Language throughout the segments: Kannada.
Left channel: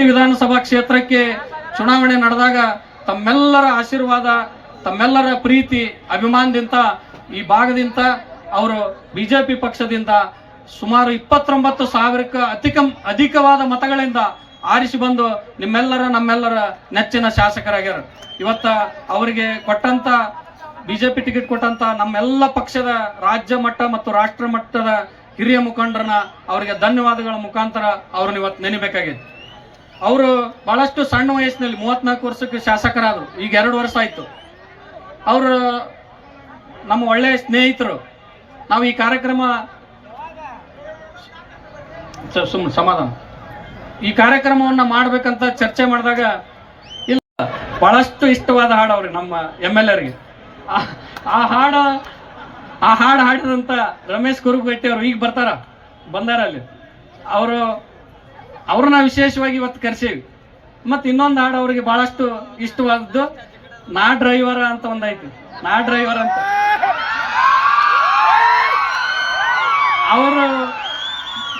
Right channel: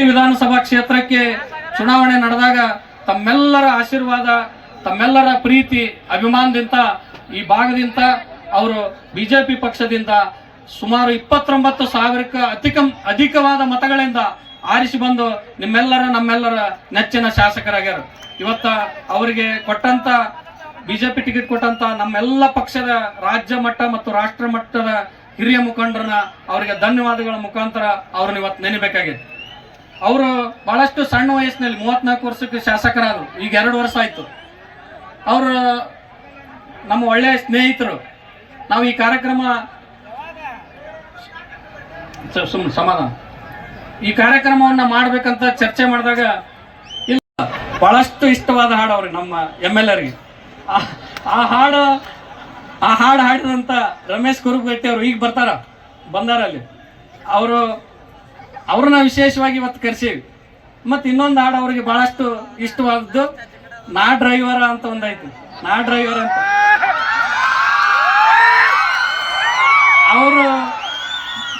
ಈ ವಿಧಾನಸಭಾ ಕ್ಷೇತ್ರಕ್ಕೆ ಚುನಾವಣೆ ನಡೆದಾಗ ತಮ್ಮೆಲ್ಲರ ಆಶೀರ್ವಾದ, ತಮ್ಮೆಲ್ಲರ ಪ್ರೀತಿ, ಅಭಿಮಾನದಿಂದ ಈ ಭಾಗದಿಂದ ಅವರು ಬಿಜೆಪಿ ಪಕ್ಷದಿಂದ ಸುಮಾರು ಇಪ್ಪತ್ತೊಂಬತ್ತು ಸಾವಿರಕ್ಕೂ ಅಧಿಕ ಅಧಿಕವಾದ ಮತಗಳಿಂದ ಆರಿಸಿ ಬಂದು ನಿಮ್ಮೆಲ್ಲರ, ನಮ್ಮೆಲ್ಲರ ನೆಚ್ಚಿನ ಶಾಸಕರಾಗ್ಯಾರ. ಇವತ್ತ ಅವರಿಗೆ ಕೊಟ್ಟಂತ, ಬಿಜೆಪಿ ಟಿಕೆಟ್ ಕೊಟ್ಟಂತ ನಮ್ಮೆಲ್ಲ ಪಕ್ಷದ ರಾಜ್ಯ ಮಟ್ಟ ಮತ್ತು ರಾಷ್ಟ್ರ ಮಟ್ಟದ ಹಿರಿಯ ಮುಖಂಡರನ್ನ ಅವರಿಗೆ ಧನ್ಯವಾದಗಳ ಮುಖಾಂತರ ಅವ್ರನ್ನ ಇವತ್ತು ನೆನೆಬೇಕಾಗಿದೆ. ಅವರು ಬಹಳಷ್ಟು ಸಣ್ಣ ವಯಸ್ಸಿನಲ್ಲಿ ಮೂವತ್ನಾಲ್ಕು ವರ್ಷಕ್ಕೆ ಶಾಸಕರಾದರು. ಈಗ ಎರಡು ವರ್ಷ ಆಯಿತು. ಅವರು ನಮ್ಮ ಒಳ್ಳೆಯ ಸ್ನೇಹಿತರು. ನಾವು ಈ ಕಾರ್ಯಕ್ರಮ ಸಮಾಧಾನ. ಈ ಕಾರ್ಯಕ್ರಮವನ್ನು ಮಾಡಬೇಕಂತ ಚರ್ಚೆ ಮಾಡಿದಾಗ ಇಲ್ಲ, ಬಹಳಷ್ಟು ಇಷ್ಟವಾದ ಹಾಡು ಅವ್ರಿಗೆ ನಮ್ಮ ಎಂ ಎಲ್ ಎರಿಗೆ ಆ ಹಾಡು ಆ ಹಾಡು ಹಾಡಿದಂಥ ರಮೇಶ್ ಕುರುಗಟ್ಟಿ ಅವರು ಈಗ ಬರ್ತಾರ ಬಂದಾರ ಅಲ್ಲಿ ಅವರು ಅವ್ರನ್ನ ವಿಶೇಷವಾಗಿ ಇವತ್ತು ಕರೆಸೀವಿ. ಮತ್ತು ಇನ್ನೊಂದು ಹಾಡು ಅವರಿಗೆ ಬಹಳಷ್ಟು ಇಷ್ಟವಾದದ್ದು, ನಾ ಡ್ರೈವರ ಅಂತ ಒಂದೈತಿ ನಾ ಡ್ರೈವರ್ ಅಂತ. ಅವರು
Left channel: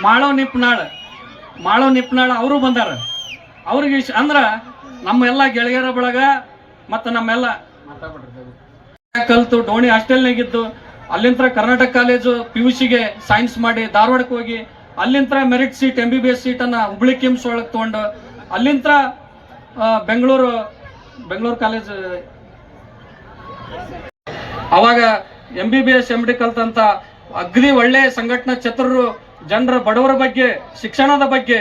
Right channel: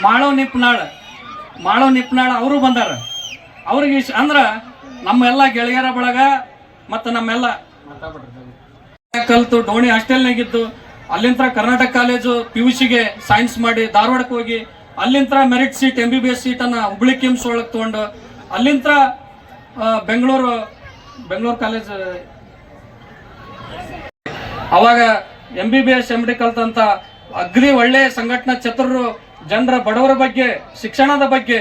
ಮಾಳೋ ನಿಪ್ನಾಳ್. ಮಾಳೋ ನಿಪ್ನಾಳ್ ಅವರು ಬಂದಾರ. ಅವ್ರಿಗೆ ಇಶ್- ಅಂದ್ರೆ ನಮ್ಮೆಲ್ಲ ಗೆಳೆಯರ ಬಳಗ ಮತ್ತು ನಮ್ಮೆಲ್ಲ ಕಲ್ತು ಡೋಣಿ ಹಾಸ್ಟೆಲ್ನಾಗಿದ್ದು ಅಲ್ಲಿಂದ ಕರ್ನಾಟಕ ಕಾಲೇಜು ಪಿ ಯು ಸಿಗೆ ಸೈನ್ಸ್ ಮಾಡಿ ಧಾರವಾಡಕ್ಕೆ ಹೋಗಿ ಅಲ್ಲಿಂದ merit seat M B B S ಸೀಟನ್ನು Hubli KIMS ಒಳಗೆ ತೊಗೊಂಡು ಅಲ್ಲಿಂತ ಬೆಂಗಳೂರು ಬೆಂಗಳೂರು ಕಾಲೇಜ್ ಅವಾಗ M B B S M D ಕಲ್ತಂತ ಅಗ್ರಿ ಒಳ್ಳೆ ಸಂಘಟನಾ ಚತುರರು ಜನರ ಬಡವರ ಬಗ್ಗೆ, ಶಿಕ್ಷಣದ ಬಗ್ಗೆ,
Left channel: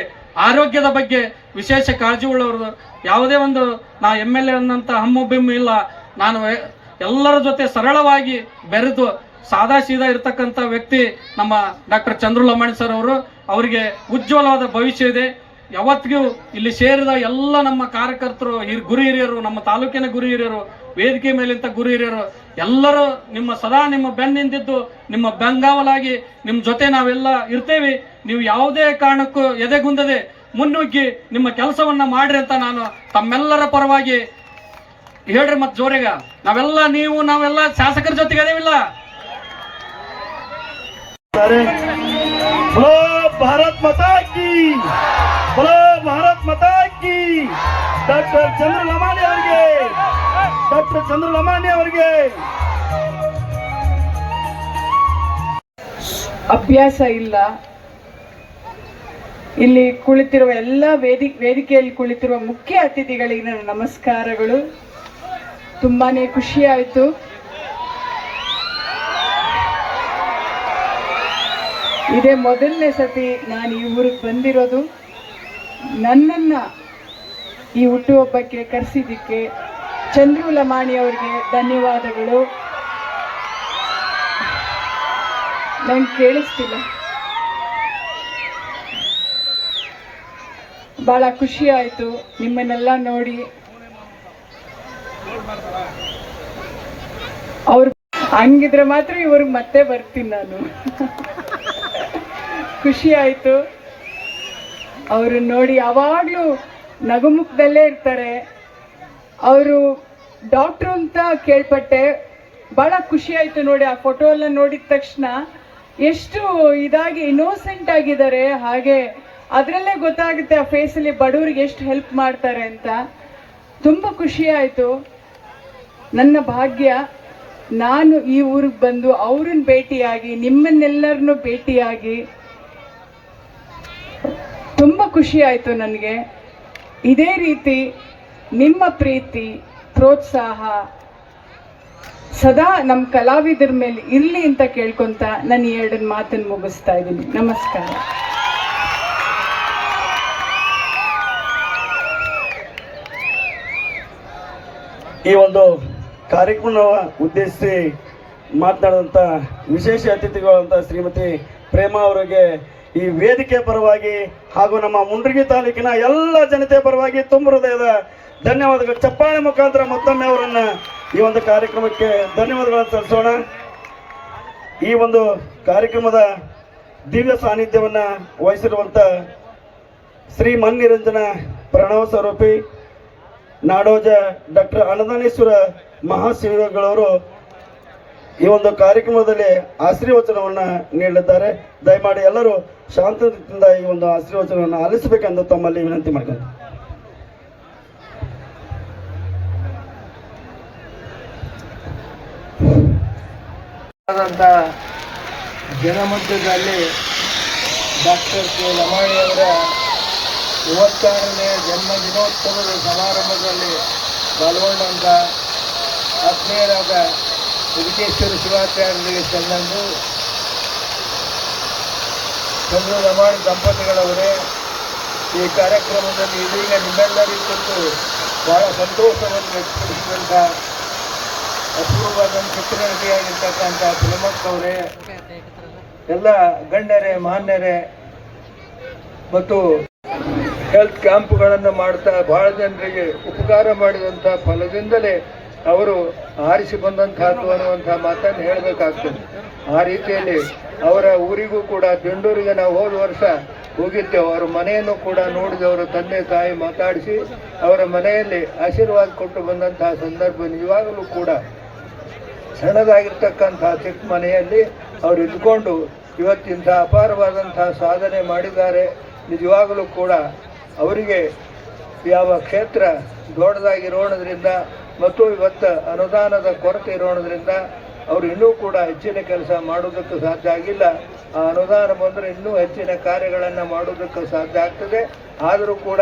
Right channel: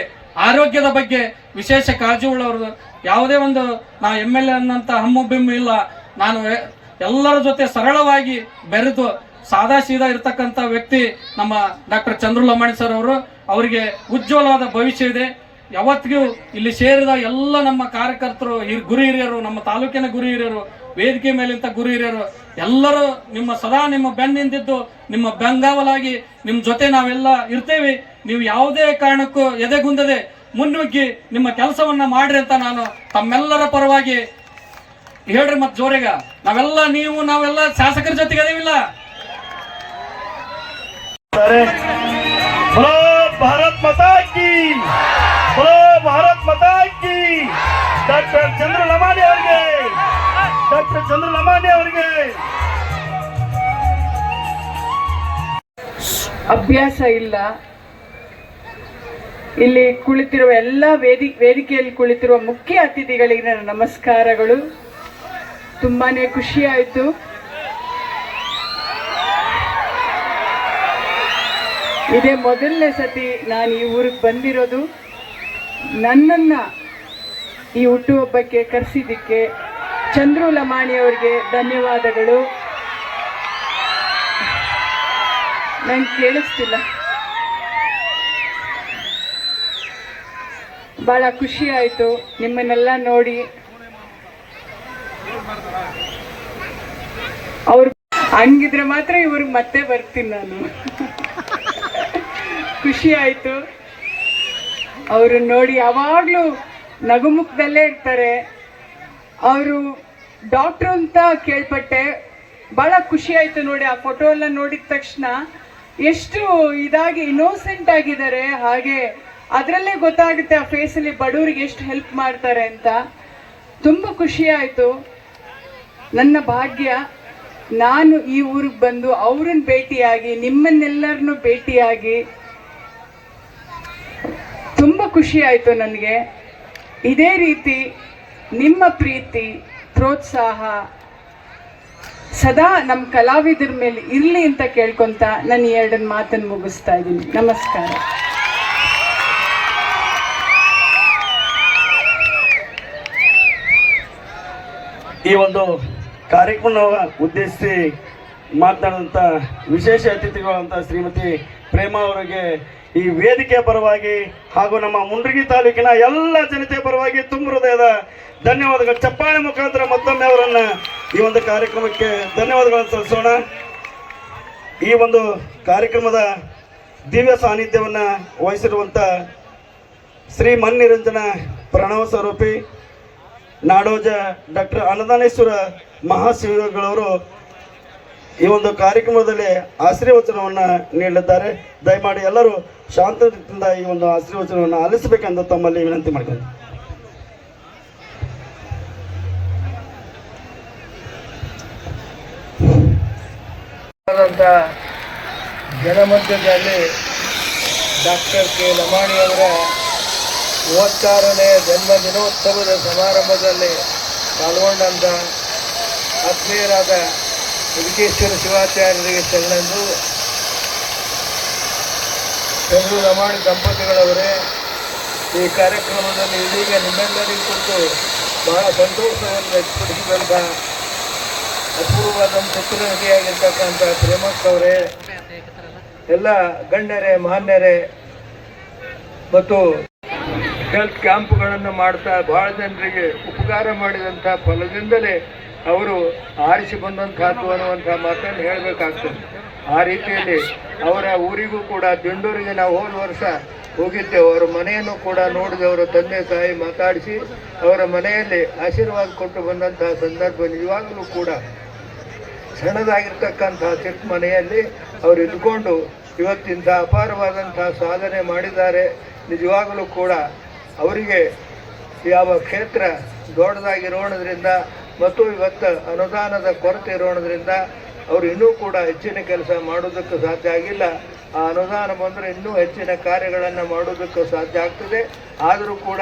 ಆರೋಗ್ಯದ ಬಗ್ಗೆ ವಿಶೇಷ ಕಾಳಜಿ ಉಳ್ಳವರು ಯಾವುದೇ ಒಂದು ನಾ ಎಂ ಎಲ್ ಎ ಅನ್ನಂಥ ಹಮ್ಮು, ಬಿಮ್ಮು ಇಲ್ಲ. ನಾನು ಎಲ್ಲರ ಜೊತೆ ಸರಳವಾಗಿ ಬೆರೆತು ಸಾದಾ ಸೀದಾ ಇರತಕ್ಕಂಥ ವ್ಯಕ್ತಿ ನಮ್ಮ ಡಾಕ್ಟರ್ ಚಂದ್ರು ಲಮಾಣಿ ಸರ್ ಅವರು. ಅವರಿಗೆ ಉಜ್ವಲವಾದ ಭವಿಷ್ಯ ಇದೆ. ಯಾವತ್ತಿಗೂ ಇಲ್ಲಿ ಸೇರಿದ ಎಲ್ಲ ನಮ್ಮ ಕಾರ್ಯಕರ್ತರು ಗುರು ಹಿರಿಯರು, ನಮ್ಮ ತಾಲೂಕಿನ ಗುರು ಹಿರಿಯರು, ವೇದಿಕೆ ಮೇಲಿಂತ ಗುರು ಹಿರಿಯರು, ಎಲ್ಲರೂ ನಿಮ್ಮ ಸದಾ ನಿಮ್ಮ ಬೆನ್ನಿಂದಿದ್ದು ನಿಮ್ಮ ಬೆಂಗಾವಲಾಗಿ ನಿಮ್ಮ ಜೊತೆ ನಾವೆಲ್ಲ ಇರ್ತೇವೆ. ನೀವು ಯಾವುದೇ ಕಾರಣಕ್ಕೂ ಎದೆಗುಂದದೆ ಮುನ್ನುಗ್ಗಿ ನಿಮ್ಮ ಕೆಲಸವನ್ನ ಮಾಡ್ರಿ ಅಂತ ನಾನು ತಮ್ಮೆಲ್ಲರ ಪರವಾಗಿ ಹೇಳ್ರಿ ಮತ್ತೆ ಜೋರೆಗ. ನಾವೆಲ್ಲ ನೀವು, ನಾವೆಲ್ಲ ಶಾಸಕರ ಜೊತೆಗೆ ಅದೇವಿಲ್ಲ बोलो भारत माता की बोलो भारत माता की ಡಾಕ್ಟರ್ ಚಂದ್ರ ಲಮಾಣಿ ಅವರಿಗೆ ಡಾಕ್ಟರ್ ಚಂದ್ರ ಲಮಾಣಿ ಅವರಿಗೆ ಅಭ್ಯಾಸ ಇಲ್ಲ ಇಲ್ಲಿ ಕುಳಿತಿರುವ ಎಲ್ಲ ವೇದಿ ವೇದಿಕೆಯಲ್ಲಿ ಕುಳಿತಿರುವ ಮುಖ್ಯ ಅತಿಥಿಗಳಿಗೆ ನನ್ನ ನಮಸ್ಕಾರಗಳು ತುಂಬಾನೇ ಖುಷಿ ಆಯಿತು ಇದೇ ಮೊದಲನೇ ಸತಿ ನಾನು ಈ ಊರಿಗೆ ಬಂದಿರೋದು. ನನ್ನನ್ನು ಈ ಹುಟ್ಟುಹಬ್ಬಕ್ಕೆ ಕರೆಸಿದ್ದಕ್ಕೆ ಚಂದ್ರು ಲಮಾಣಿ ಅವರಿಗೆ ಧನ್ಯವಾದಗಳು. ನಂಗೆ ಕೇಳಿಸ್ತಿಲ್ಲ. ಭಾಳ ಖುಷಿ ಆಯಿತು ನಿಮ್ಮನ್ನೆಲ್ಲ ನೋಡಿ. ಅವ್ರು ಹಂಗಿದ್ರೆ ಮಾತ್ರ ಇವ್ರಿಗೆ ಮತ್ತೆ ಬರ್ತೀನಿ ನಾನು. ಖುಷಿ ಆಯಿತು. ಅವರು ನೋಡಿ ಯಾವಾಗಲೂ ನಗುಮುಖದಲ್ಲೇ ಇರ್ತಾರೆ. ಅವರು ಡಾಕ್ಟ್ರು ಅಂತ ಕೇಳ್ಪಟ್ಟೆ. ಭಾಳ ಖುಷಿ ಆಯಿತು ನೋಡಿ ಆ ಫೋಟೋ ಎಲ್ಲ ನೋಡಿದ ತಕ್ಷಣ. ಎಷ್ಟು ಇದಾಗಿ ಇನ್ನೋಸೆಂಟ್ ಆಗಿದ್ದಾರೆ. ಹಾಗೆ ಅದರಲ್ಲೇ ಗೊತ್ತಾಗುತ್ತೆ ಆ ಫೇಸಲ್ಲಿ ಬಡವ್ರಿಗೆ ಎಷ್ಟು ಹೆಲ್ಪ್ ಮಾಡ್ತಾರೆ ಅಂತ. ತುಂಬ ಖುಷಿ ಆಯಿತು. ನನ್ನ ಭಾಗ್ಯ, ನಾನು ಈ ಊರಿಗೆ ಬಂದು ಅವ್ರನ್ನ ಭೇಟಿಯಾಗಿ, ನಿಮ್ಮನ್ನೆಲ್ಲರನ್ನೂ ಭೇಟಿಯಾಗಿ ತುಂಬ ಖುಷಿ ಆಯಿತು ನನಗೆ. ಇದೇ ರೀತಿ ನಿಮ್ಮ ಪ್ರೀತಿ, ಪ್ರೋತ್ಸಾಹ ಸದಾ ನಮ್ಮ ಕಲಾವಿದರ ಮೇಲೆ ಇರಲಿ ಅಂತ ಕೇಳ್ಕೊಂತ ನಾನು ಎರಡನ್ನ ಮಾತನ್ನು ಮುಗಿಸ್ತಾ ಇದ್ದೀನಿ. ನಮಸ್ಕಾರ. ಈ ಒಂದು ಕಾರ್ಯಕ್ರಮ ಉದ್ದೇಶಿಸಿ ಮಾತನಾಡುವಂಥ ವಿಶೇಷ ಅತಿಥಿಗಳಂತ ಶ್ರೀಮತಿ ಪ್ರೇಮ ಅವರಿಗೆ ಈ ವೇದಿಕೆ ಪರವಾಗಿ ಹಾಗೂ ನಮ್ಮ ಮುಂಡ್ರಿಗಿ ತಾಲೂಕಿನ ಎಲ್ಲ ಜನತೆ ಪರವಾಗಿ ತುಂಬ ಹೃದಯದ ಧನ್ಯವಾದಗಳು. ಚಪ್ಪಾಳೆ ಮುಖಾಂತರ ಮತ್ತೊಮ್ಮೆ ಅವರನ್ನ ಈ ಒಂದು ಕಾರ್ಯಕ್ರಮಕ್ಕೆ ಧನ್ಯವಾದಗಳನ್ನು ಸಲ್ಲಿಸೋಣ. ಈ ಒಂದು ಕಾರ್ಯಕ್ರಮದ ದಿವ್ಯ ಸಾನ್ನಿಧ್ಯವನ್ನು ವಹಿಸಿರುವಂಥ ಶ್ರೀ ಮನ್ನಿರಂಜನ ಪ್ರಣವ ಸ್ವರೂಪಿ, ನಾಡೋಜ ಡಾಕ್ಟರ್ ಅನ್ನದಾನೇಶ್ವರ ಮಹಾಶಿವಗಳವರು ಈ ಒಂದು ಕಾರ್ಯಕ್ರಮದಲ್ಲಿ ಆಶೀರ್ವಚನವನ್ನ ನೀಡಿದ್ದಾರೆ ದಯಮಾಡಿ ಎಲ್ಲರೂ ಶಾಂತದಿಂದ ಈ ಒಂದು ಆಶೀರ್ವಚನವನ್ನು ಆಲಿಸಬೇಕೆಂದು ತಮ್ಮಲ್ಲಿ ವಿನಂತಿ ಮಾಡ್ತಾರೆ ಜನಮಧ್ಯದಲ್ಲಿ ಡಾಕ್ಟರ್ ಕೆ ಲಮಾಣಿಯವರ ಮೂವತ್ತಾರನೇ ಜನ್ಮ ದಿನೋತ್ಸವದ ಸಮಾರಂಭದಲ್ಲಿ ಪಾಲ್ಗೊಂಡಂತ ಆತ್ಮೀಯರಾದ ವೆಂಕಟೇಶ್ವರ ಶಿವಾಚಾರ್ಯರಿಗೆ ಸಣ್ಣಂದು ಚಂದ್ರ ನಮಾಡು ದಂಪತಿಗಳವರೇ ಈ ಕಾರ್ಯಕ್ರಮದಲ್ಲಿ ಇದೀಗ ನಿಮ್ಮೆಲ್ಲರಿಗೂ ಕೊಟ್ಟು ಬಹಳ ಸಂತೋಷವನ್ನು ವ್ಯಕ್ತಪಡಿಸಿದಂಥ ಅಪೂರ್ವವಾದ ಚಿತ್ರನಟಿಯಾಗಿರ್ತಕ್ಕಂಥ ಪ್ರೇಮಕ್ ಅವರೇ, ಎಲ್ಲ ಗಣ್ಯರೇ, ಮಾನ್ಯರೇ, ಮತ್ತು ಹೆಲ್ತ್ ಕ್ಯಾಂಪ್ಗಳನ್ನು ಮಾಡ್ತಾ ಬಹಳ ಜನರಿಗೆ ಉಪಕಾರ ಮಾಡಿದಂಥ ಫಲದಿಂದಲೇ ಅವರು ಆರಿಸಿ ಬಂದಂತಹ ಅನ್ನುವಂತಹ ಮಾತನ್ನು ಹೇಳಬೇಕಾಗ್ತದೆ. ಆ ರೀತಿಯಲ್ಲಿ ಅವರ ಊರಿಗೂ ಕೂಡ ದಿಂಡೂರಿಗೆ ನಾವು ಹೋದ ವರ್ಷ ಹೋಗಿದ್ದೆವು. ಅವರ ಮನೆಯನ್ನು ಕೂಡ ನೋಡಿದೆ ಅವರ ತಂದೆ ತಾಯಿ ಮಾತಾಡಿಸಿ ಅವರ ಮನೆಯಲ್ಲಿ ಆಶೀರ್ವಾದ ಕೊಟ್ಟು ಬಂದಂತಹ ಸಂದರ್ಭ ನಿಜವಾಗಲೂ ಕೂಡ ಸಣ್ಣದಾಗಿರ್ತಕ್ಕಂಥ ಚಿಕ್ಕ ಮನೆಯಲ್ಲಿ ಅವರು ಇದ್ಕೊಂಡು ಇವತ್ತಿಂಥ ಅಪಾರವಾದಂತಹ ಸಾಧನೆ ಮಾಡಿದ್ದಾರೆ. ನಿಜವಾಗಲೂ ಕೂಡ ಅವರಿಗೆ ಯಾವ ಕ್ಷೇತ್ರ ದೊಡ್ಡದಾಗಿರೋಣದ್ರಿಂದ ಮತ್ತು ಇವತ್ತು ಅನುದಾನದ ಕೊರತೆ ಇರೋಣದ್ರಿಂದ ಅವರು ಇನ್ನೂ ಕೂಡ ಹೆಚ್ಚಿನ ಕೆಲಸ ಮಾಡೋದಕ್ಕೂ ಸಾಧ್ಯ ಆಗಿಲ್ಲ. ಆ ಅನುದಾನ ಬಂದರೆ ಇನ್ನೂ ಹೆಚ್ಚಿನ ಕಾರ್ಯಗಳನ್ನು ಮಾಡೋದಕ್ಕೂ ಸಾಧ್ಯ ಆಗ್ತದೆ. ಆದರೂ ಕೂಡ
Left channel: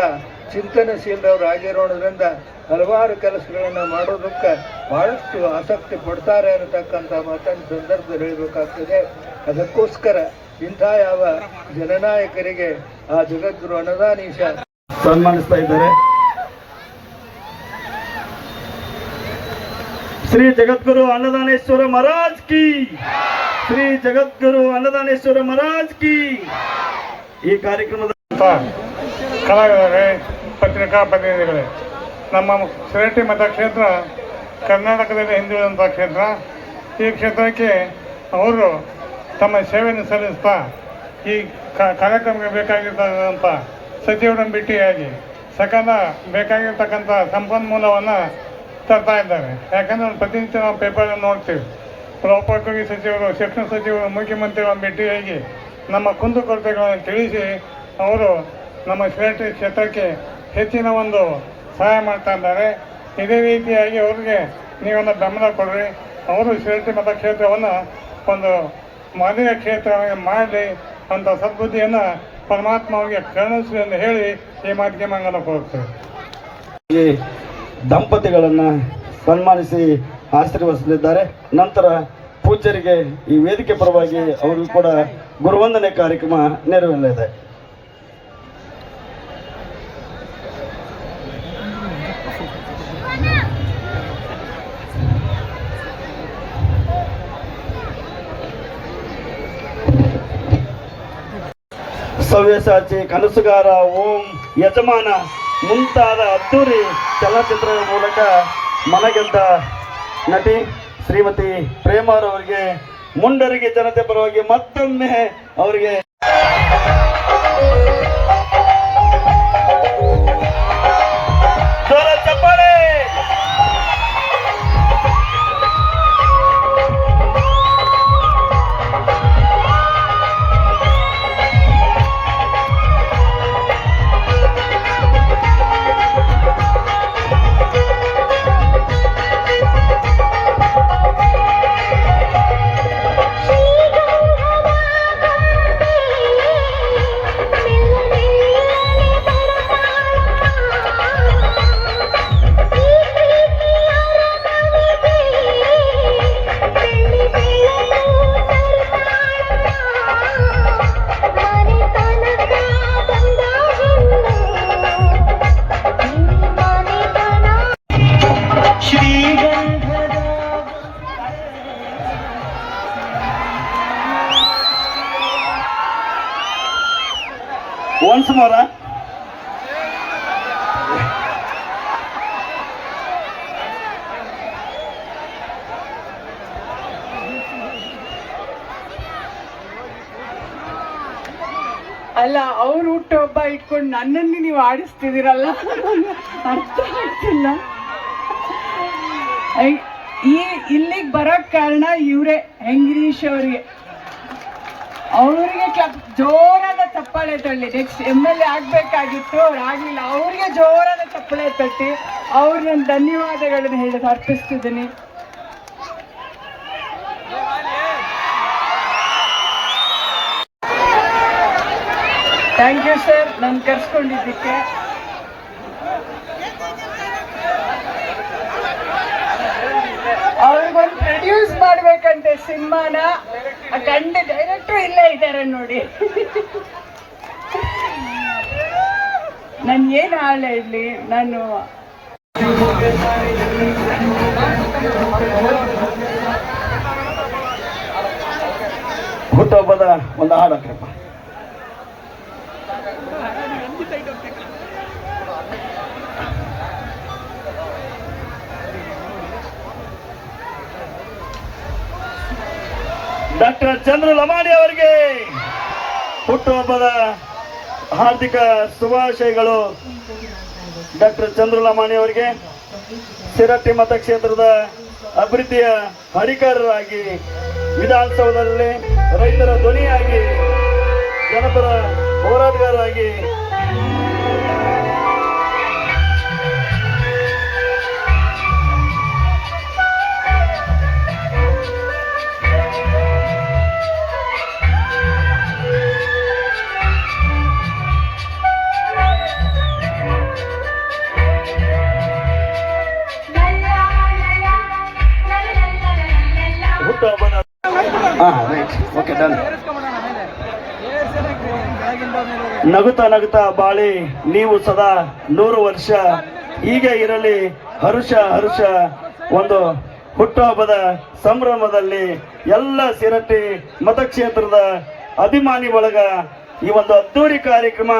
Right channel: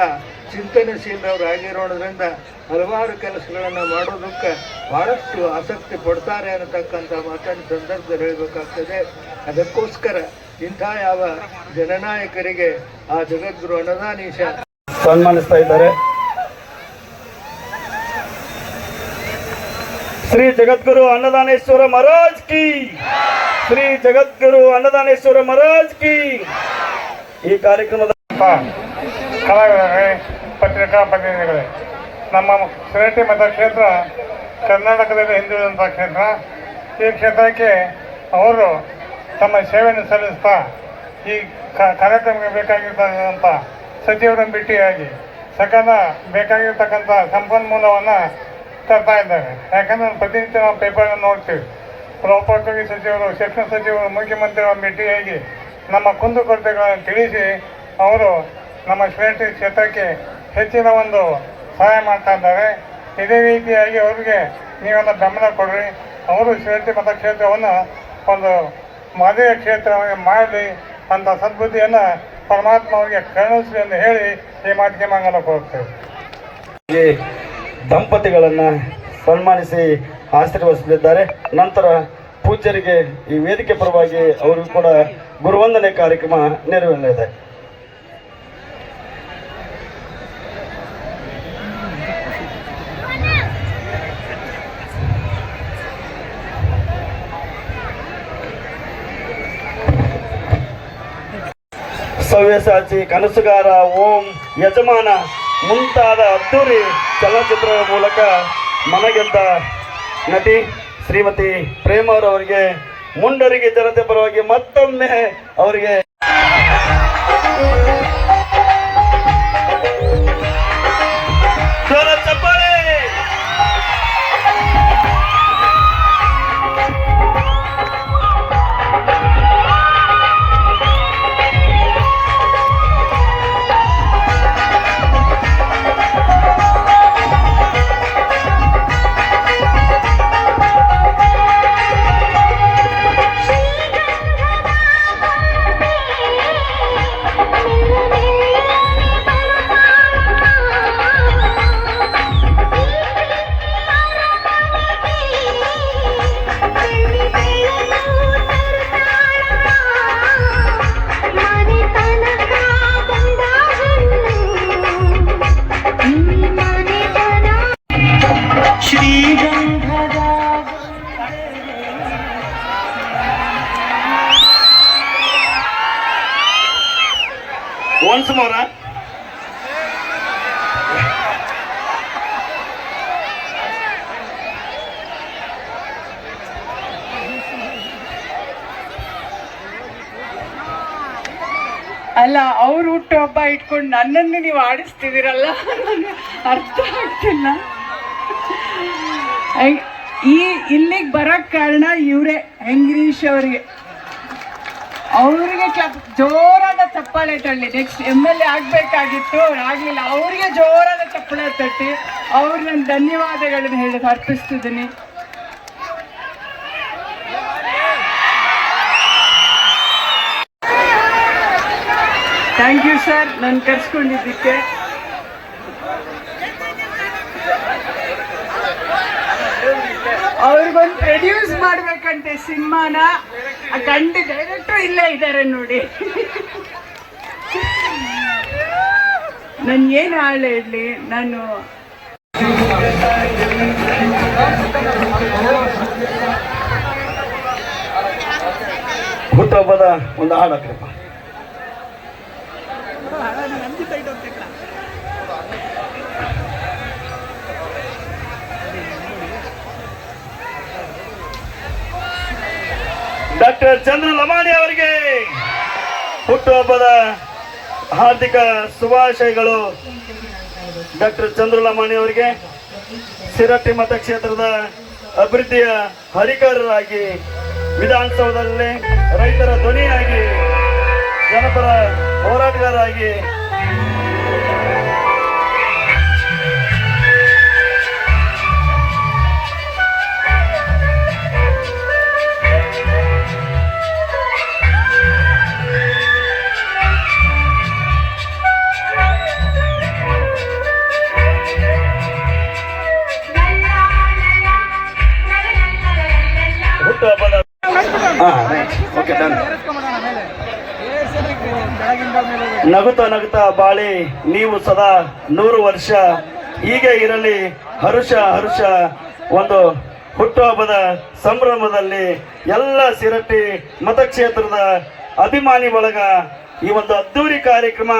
ಚಿಂತನಶೀಲರವರು ಆಗಿರೋದ್ರಿಂದ ಹಲವಾರು ಕೆಲಸಗಳನ್ನು ಮಾಡೋದಕ್ಕೆ ಬಹಳಷ್ಟು ಆಸಕ್ತಿ ಪಡ್ತಾರೆ ಅನ್ನತಕ್ಕಂಥ ಮಾತನ್ನು ಸಂದರ್ಭದಲ್ಲಿ ಹೇಳಬೇಕಾಗ್ತದೆ. ಅದಕ್ಕೋಸ್ಕರ ಇಂಥ ಯಾವ ಜನನಾಯಕರಿಗೆ ಆ ಜಗದ್ಗುರು ಅನ್ನದಾನೀಶ ಸನ್ಮಾನಿಸ್ತಾ ಇದ್ದಾರೆ. ಶ್ರೀ ಜಗದ್ಗುರು ಅನ್ನದಾನೇಶ್ವರ ಮಹಾರಾಜ್ ಕಿ. ಶ್ರೀ ಜಗದ್ಗುರು ಅನ್ನದಾನೇಶ್ವರ ಮಹಾರಾಜ್ ಕಿ. ಈ ಕಾರ್ಯಕ್ರಮದ ಕಲಾವಿದರೇ, ಪತ್ರಿಕಾ ಪ್ರತಿನಿಧಿಗಳೇ, ನಮ್ಮ ಸಿರಟಿ ಮತ ಕ್ಷೇತ್ರ, ಕರ್ನಾಟಕದಲ್ಲಿ ಹಿಂದುಳಿದಂಥ ಕ್ಷೇತ್ರ. ಈ ಕ್ಷೇತ್ರಕ್ಕೆ ಅವರು ತಮ್ಮ ಸೇವೆಯನ್ನು ಸಲ್ಲಿಸ್ತಾ ಈ ಕಾರ್ಯಕ್ರಮಕ್ಕೆ ಬೇಕಾಗಿರ್ತಕ್ಕಂಥ ಸಚಿವರನ್ನು ಭೇಟಿಯಾಗಿ ಸಕಲ ಬೇಕಾಗಿರ್ತಕ್ಕಂಥ ಸಂಪನ್ಮೂಲವನ್ನು ತರ್ತಾ ಇದ್ದಾರೆ. ಯಾಕಂದ್ರೆ ಪ್ರತಿನಿತ್ಯ ನಾವು ಪೇಪರನ್ನು ನೋಡ್ತೀವಿ. ಲೋಕೋಪಯೋಗಿ ಸಚಿವರು, ಶಿಕ್ಷಣ ಸಚಿವರು ಮುಖ್ಯಮಂತ್ರಿಗಳ ಭೇಟಿಯಾಗಿ ನಮ್ಮ ಕುಂದುಕೊರತೆಗಳನ್ನು ತಿಳಿಸಿ ಅವರು ನಮ್ಮ ಶ್ರೇಷ್ಠ ಕ್ಷೇತ್ರಕ್ಕೆ ಹೆಚ್ಚಿನ ಒಂದು ಸಹಾಯ ಮಾಡ್ತಾ ಇದ್ದಾರೆ. ಇದೇ ರೀತಿಯಾಗಿ ಅವರಿಗೆ ನೀವೆಲ್ಲ ಬೆಂಬಲ ಕೊಡ್ರಿ. ಅವರು ಶ್ರೇಷ್ಠ ಮತಕ್ಷೇತ್ರವನ್ನು ಒಂದು ಮಾದರಿ ಕ್ಷೇತ್ರವಾಗಿ ಮಾಡಲಿ ಅಂತ ಸದ್ಬುದ್ಧಿಯನ್ನು ಪರಮಾತ್ಮ ಅವರಿಗೆ ಕರುಣಿಸಲಿ ಎಂದು ಹೇಳಿ ಈ ಮಾತಿಗೆ ಮಂಗನ ಹೋಗ್ತೇವೆ. ದಂಪತಿಗಳನ್ನ ಸನ್ಮಾನಿಸಿ ಆಶೀರ್ವದಿಸಲಿದ್ದಾರೆ. ನಂತರ ಪೂಜ್ಯರಿಗೆ ಈ ವೇದಿಕೆ ಪರವಾಗಿ ಅವರಿಗೂ ಕೂಡ ಗುರುವಂದನೆ ಕಾರ್ಯಕ್ರಮ ನೆರವೇರಲಿದೆ. ಸವ್ಯಸಾಚಿ ಕನಸುಗಾರ ಓಂ ಯಜಮಾನ ಮುಂತಾದ ಅದ್ದೂರಿ ಚಲನಚಿತ್ರಗಳ ಮೂಲಕ ಮನಗೆದ್ದ ನಟಿ ಶ್ರೀಮತಿ ಪ್ರೇಮರವರಿಗೆ, ಮುಂಡರಿಗೆ, ಜನತೆ ಪರವಾಗಿ ಮತ್ತೊಮ್ಮೆ ಅವರಿಗೆ ಅಲ್ಲ, ಅವ್ರು ಹುಟ್ಟುಹಬ್ಬ ಇಟ್ಕೊಂಡು ನನ್ನನ್ನು ನೀವು ಆಡಿಸ್ತಿದ್ದೀರಲ್ಲ? ಅರ್ಥ ಆಗ್ತಿಲ್ಲ. ಈ ಇಲ್ಲಿಗೆ ಬರೋಕ್ಕೆ ಕಾರಣ ಇವರೇ ಹೆಂಗ್ರೀಶ್ ಅವರಿಗೆ. ಅವರಿಗೆ ಜೋರಾದ ಚಪ್ಪಾಳೆ ತಳ್ಳಿ ನೆಕ್ಸ್ಟ್ ಎಂ ಎಲ್ ಎ ಆಗಬೇಕಾಗಿತ್ತು ಆಗ್ಲಿಲ್ಲ. ಅವರಿಗೆ ಜೋರಾದ ಚಪ್ಪಾಳೆ ತಟ್ಟಿ ಅವ್ರ ನನ್ನ ಧನ್ಯವಾದಗಳನ್ನು ಹೇಳೋದು ಅರ್ಪಿಸ್ತಿದ್ದೀನಿ. ಥ್ಯಾಂಕ್ ಯು ಸರ್ ನಾನು ಕರ್ಸ್ಕೊಂಡಿದ್ದಕ್ಕೆ. ಅವ್ರಿಗೊಂದು ಪ್ರೊಡ್ಯೂಸ್ ಮಾಡ್ಬೇಕಂತೆ ಸಿನಿಮಾನ. ಕಂಡು ಡೈರೆಕ್ಟರ್ ಇಲ್ಲೇ ಇದ್ದಾರೆ ನೋಡಿ. ನನ್ ಏನ್ ಹಾಳು ಇರ್ಲಿ, ನಾನು ಹುಟ್ಟುಹಬ್ಬದ ಒಂದು ಹಾಡು ಡಾಕ್ಟರ್ ಚಂದ್ರ ಲಮಾಣಿ ಅವರಿಗೆ ಹುಟ್ಟುಹಬ್ಬದ ಹಾರ್ದಿಕ ಶುಭಾಶಯಗಳು. ಡಾಕ್ಟರ್ ಚಂದ್ರ ಲಮಾಣಿ ಅವರಿಗೆ ಸಿರಟ್ಟಿ ಮತಕ್ಷೇತ್ರದ ಅಭಿವೃದ್ಧಿಯ ಹರಿಕಾರರಾಗಿ, ವಿಧಾನಸೌಧದಲ್ಲಿ ರೈತರ ಧ್ವನಿಯಾಗಿ ಜನಪದ ಹೋರಾಟಗಾರರಾಗಿ ನಗುತ್ತಾ ಬಾಳಿ, ನೀವು ಸದಾ ನೂರು ವರ್ಷ ಹೀಗೆ ಇರಲಿ. ಹರುಷ ಹರುಷ, ಒಂದು ಹುಟ್ಟುಹಬ್ಬದ ಸಂಭ್ರಮದಲ್ಲಿ ಎಲ್ಲ ಸಿರಟ್ಟಿ ಮತಕ್ಷೇತ್ರದ ಅಭಿಮಾನಿ ಬಳಗ ಈ ಒಂದು ಅದ್ದೂರಿ ಕಾರ್ಯಕ್ರಮ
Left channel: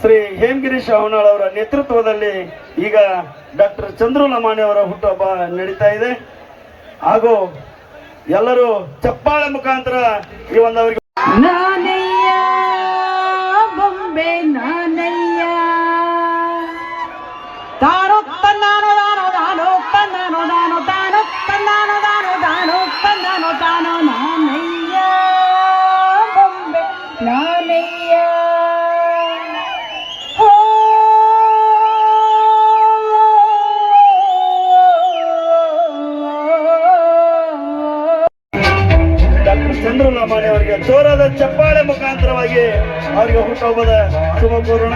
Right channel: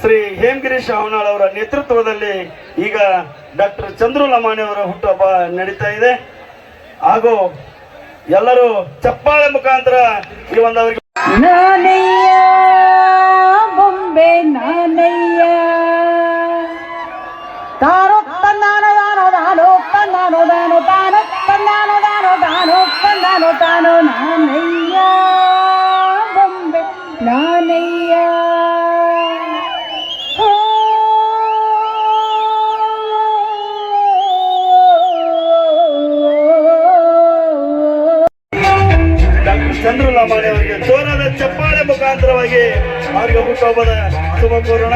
ಶ್ರೀ ಹೇಮಗಿರೀಶ್ ಅವನಾಳ್ ಅವರ ನೇತೃತ್ವದಲ್ಲಿ ಈಗ ಡಾಕ್ಟರ್ ಚಂದ್ರು ಲಮಾಣಿ ಅವರ ಹುಟ್ಟುಹಬ್ಬ ನಡೀತಾ ಇದೆ. ಹಾಗೂ ಎಲ್ಲರೂ ಚಪ್ಪಾಳೆ ಮುಖಾಂತರ ಈ ಒಂದು ಅವರಿಗೆ ತಾನು ನಾನಯ್ಯ ಬೊಂಬೆ ನಾನಯ್ಯ. ಚಂದ್ರಲಾಮಾಣಿ ಅವರಿಗೆ ಜೋರಾದ ಚಪ್ಪಾಳೆ ಮುಖಾಂತರವಾಗಿ ಅವರಿಗೆ ಹುಟ್ಟುಹಬ್ಬದ ಶುಭ ಕೋರೋಣ.